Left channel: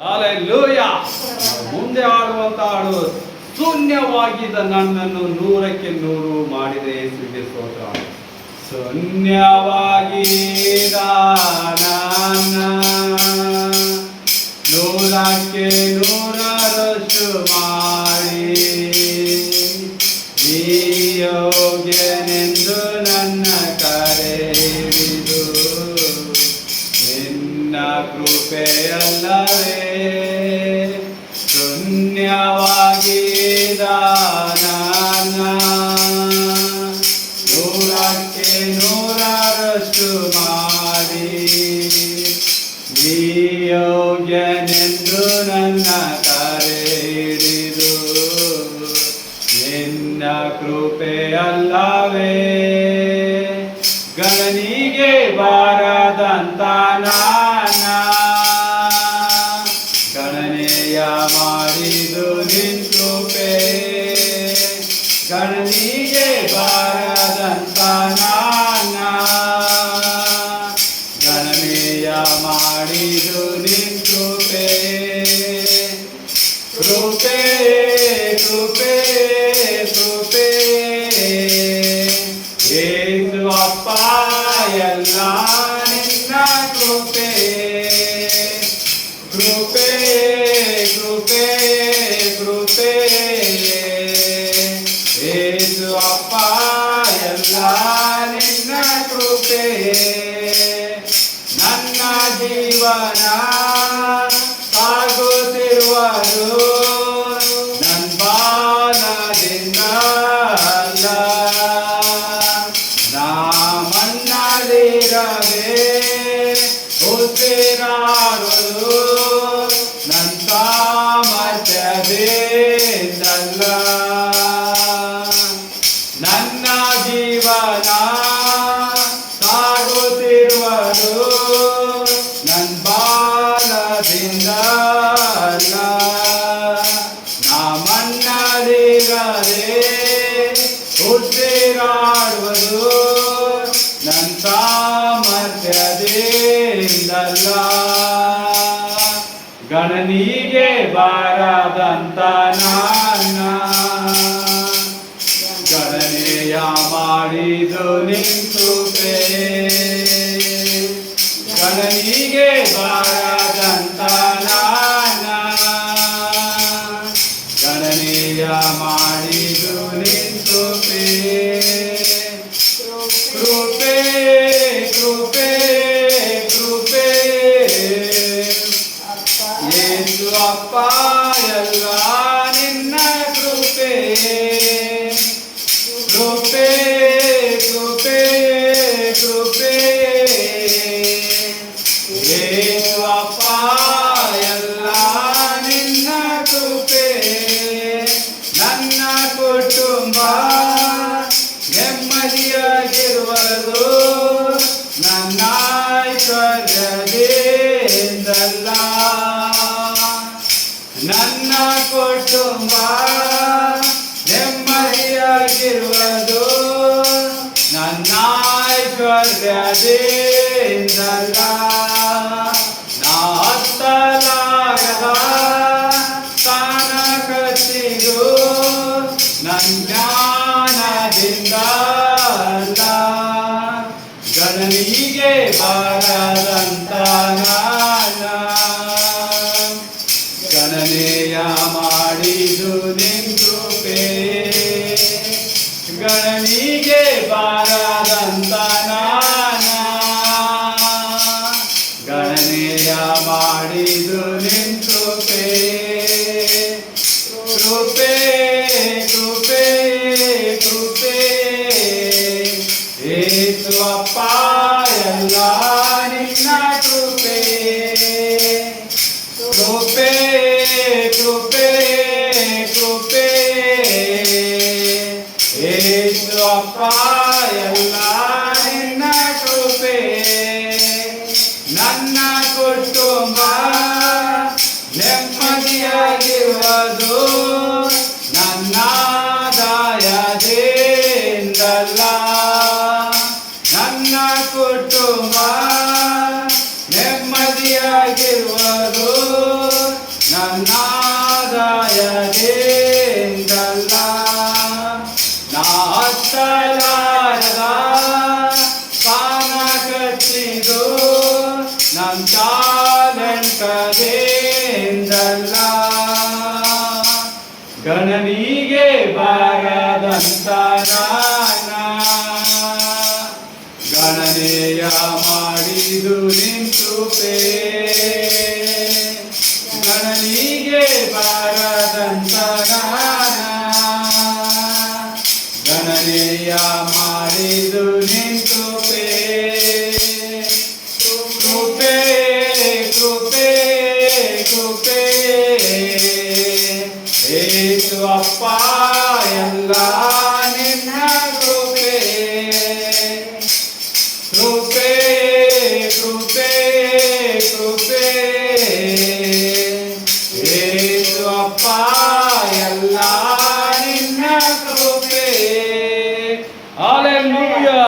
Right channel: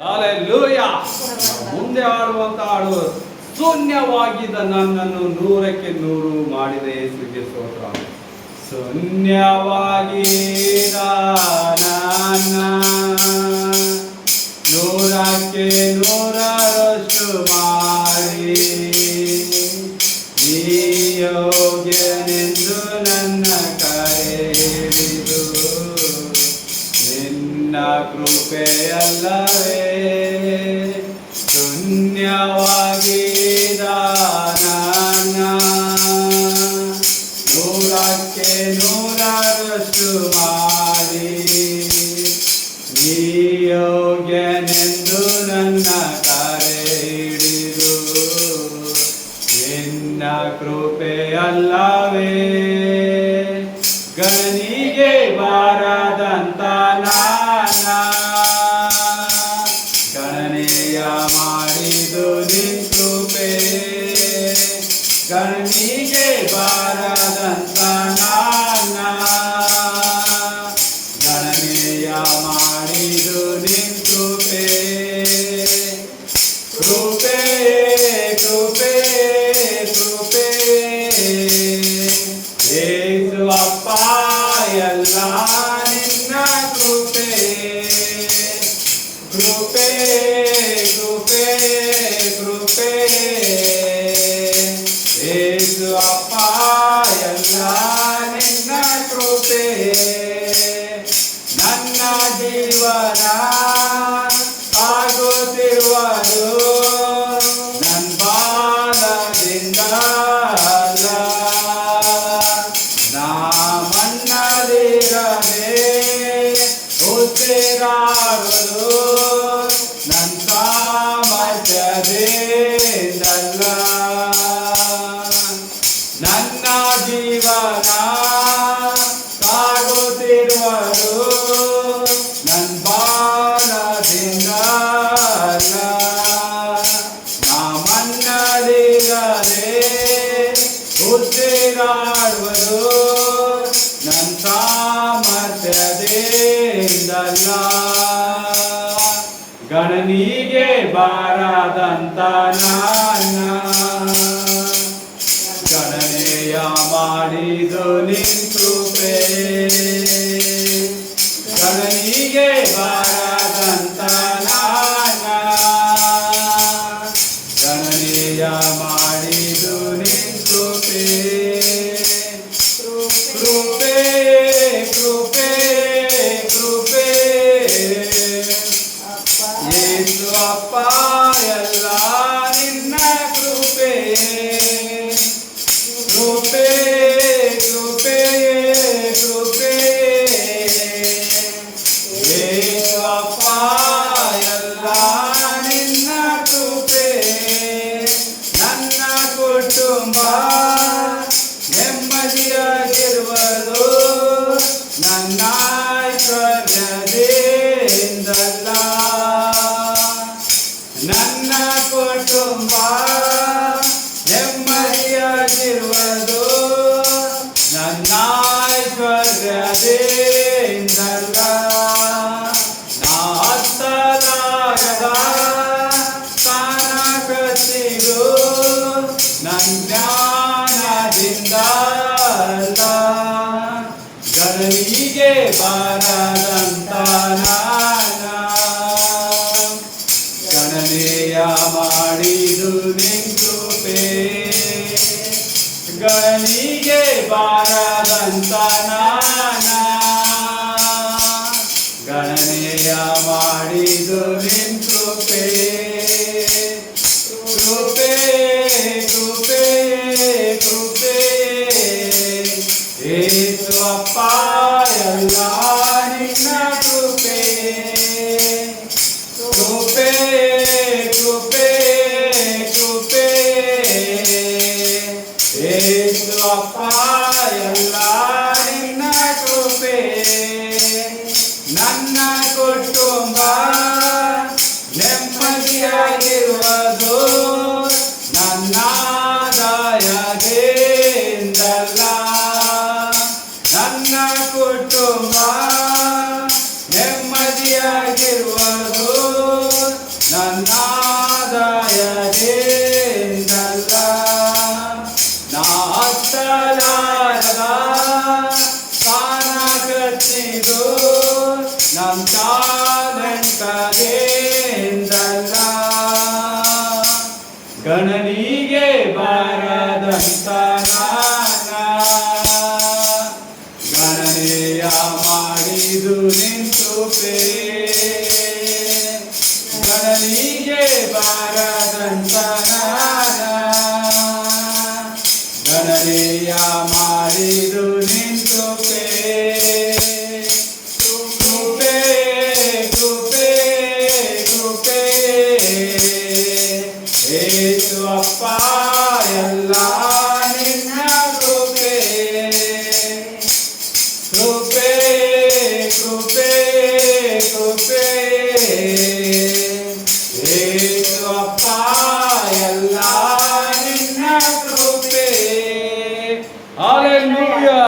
Hallelujah. ಮುಂದೆ ಆಡುವಂತ ಹಾಡು, ಶೂನ್ಯವಾಗಿದ್ದ ನನ್ನನ್ನು 100ಕ್ಕೆ 100 ಮಾಡಿದ ಯೇಸುವಿಗೆ ಸ್ತೋತ್ರ. ಶೂನ್ಯವಾಗಿದ್ದ ನನ್ನ 100ಕ್ಕೆ 100ರಷ್ಟು ಮಾಡಿ ನೀ ಯೋಗ್ಯನೆಂದು ನನ್ನ ಕರೆದಿದು ನಿನ್ನ ಕೃಪೆಯಲ್ಲವೇ. ಶೂನ್ಯವಾಗಿದ್ದ ನನ್ನ 100ಕ್ಕೆ 100ರಷ್ಟು ಮಾಡಿ ನೀ ಯೋಗ್ಯನೆಂದು ನನ್ನ ಕರೆ ಹಿಡಿದು ನಿನ್ನ ಕೃಪೆಯಲ್ಲವೇ. ಗಣನಿಗೆ ಬಾರದಂತ ನಾನ ಗಣನೆಯ ಮಾಡಿದು ನಿನ್ ಕೃಪೆ. ಗಣನಿಗೆ ಬಾರದಂತ ನಾನ ಗಣನೆಯ ಮಾಡಿದು ನಿನ್ ಕೃಪೆ. ಕೃಪೆ ಕೃಪೆ ಕೃಪೆ ಯೇಸು ಅಪ್ಪ ಎಲ್ಲ ನಿನ್ನ ಕೃಪೆ. ಕೃಪೆ ಕೃಪೆ ಕೃಪೆ ಯೇಸು ಅಪ್ಪ ಎಲ್ಲ ನಿನ್ನ ಕೃಪೆ. ನನ್ನ ಜೀವನ ಸಾಗುತ್ತಿರುವುದು ನನ್ನ ಬಾಲದಿಂದ ಅಲ್ಲ. ನಾ ಮನ್ನದಿರದೆ ಉಸಿರಾಡುವುದು ನನ್ನ ಸಾಮರ್ಥ್ಯದಿಂದಲ್ಲ. ನನ್ನ ಜೀವನ ಸಾಗುತ್ತಿರುವುದು ನನ್ನ ಬಾಲದಿಂದ ಅಲ್ಲ. ನಾ ಮನ್ನದಿರದೆ ಉಸಿರಾಡುವುದು ನನ್ನ ಸಾಮರ್ಥ್ಯದಿಂದಲ್ಲ. ಗಣನಿಗೆ ಬಾರದಂತ ನನ್ನ ಗಣನೆಯ ಮಾಡಿದು ನಿನ್ ಕೃಪೆ. ಗಣನಿಗೆ ಬಾರದಂತ ನಾನ ಗಣನೆಯ ಮಾಡಿದು ನಿನ್ ಕೃಪೆ. ಕೃಪೆ ಕೃಪೆ ಕೃಪೆ ಯೇಸು ಅಪ್ಪ ಎಲ್ಲ ನಿನ್ನ ಕೃಪೆ. ಕೃಪೆ ಕೃಪೆ ಕೃಪೆ ಯೇಸು ಅಪ್ಪ ಎಲ್ಲ ನಿನ್ನ ಕೃಪೆ. ನನ್ನ ಕುಟುಂಬ ನೆಮ್ಮದಿಯಾಗಿರುವುದು ನನ್ನ ಐಶ್ವರ್ಯದಿಂದಲ್ಲ. ನನ್ನ ಕುಟುಂಬ ನೆಮ್ಮದಿಯಾಗಿರುವುದು ನನ್ನ ಐಶ್ವರ್ಯದಿಂದಲ್ಲ. ನಾ ಹತ್ತಲಾಗದ ಸ್ಥಾನ ಕತ್ತಿಗೂ ನನ್ನ ಜ್ಞಾನದಿಂದ ಅಲ್ಲ. ಗಣನಿಗೆ ಬಾರದಂತ ನಾನ ಗಣನೆಯ ಮಾಡಿದು ನಿನ್ ಕೃಪೆ. ಗಣನಿಗೆ ಬಾರದಂತ ನಾನ ಗಣನೆಯ ಮಾಡಿದು ನಿನ್ ಕೃಪೆ. ಕೃಪೆ ಕೃಪೆ ಕೃಪೆ ಯೇಸು ಅಪ್ಪ ಎಲ್ಲ ನಿನ್ನ ಕೃಪೆ. ಕೃಪೆ ಕೃಪೆ ಕೃಪೆ ಯೇಸು ಅಪ್ಪ ಎಲ್ಲ ನಿನ್ನ ಕೃಪೆ. ನನ್ನ ಕುಟುಂಬ ನೆಮ್ಮದಿಯಾಗಿರುವುದು ನನ್ನ ಆದಾಯದಿಂದಲ್ಲ. ನನ್ನ ಕುಟುಂಬ ನೆಮ್ಮದಿಯಾಗಿರುವುದು ನನ್ನಾದಾಯದಿಂದಲ್ಲ, ನಾ ಹತ್ತಲಾರದ ಸ್ಥಾನ ಕಟ್ಟಿದು ನನ್ನ ಚಾಲೆಂಟದಿಂದ ಗಣನಿಗೆ ಬಾರದಂತ ನಾನ ಗಣನೆಯ ಮಾಡಿದು ನಿಂತುಪೇ, ಗಣನಿಗೆ ಬಾರದಂತ ನಾನ ಗಣನೆಯ ಮಾಡಿದು ನಿಂತುಪೇ. ಕೃಪೆ ಕೃಪೆ ಕೃಪೆ ಏಸು ಅಪ್ಪ ಎಲ್ಲ ನಿನ್ನ ಕೃಪೆ, ಕೃಪೆ ಕೃಪೆ ಕೃಪೆ ಏಸು ಅಪ್ಪ ಎಲ್ಲ ನಿನ್ನ ಕೃಪೆ. ಹಾಲೆಲೂಯಾ.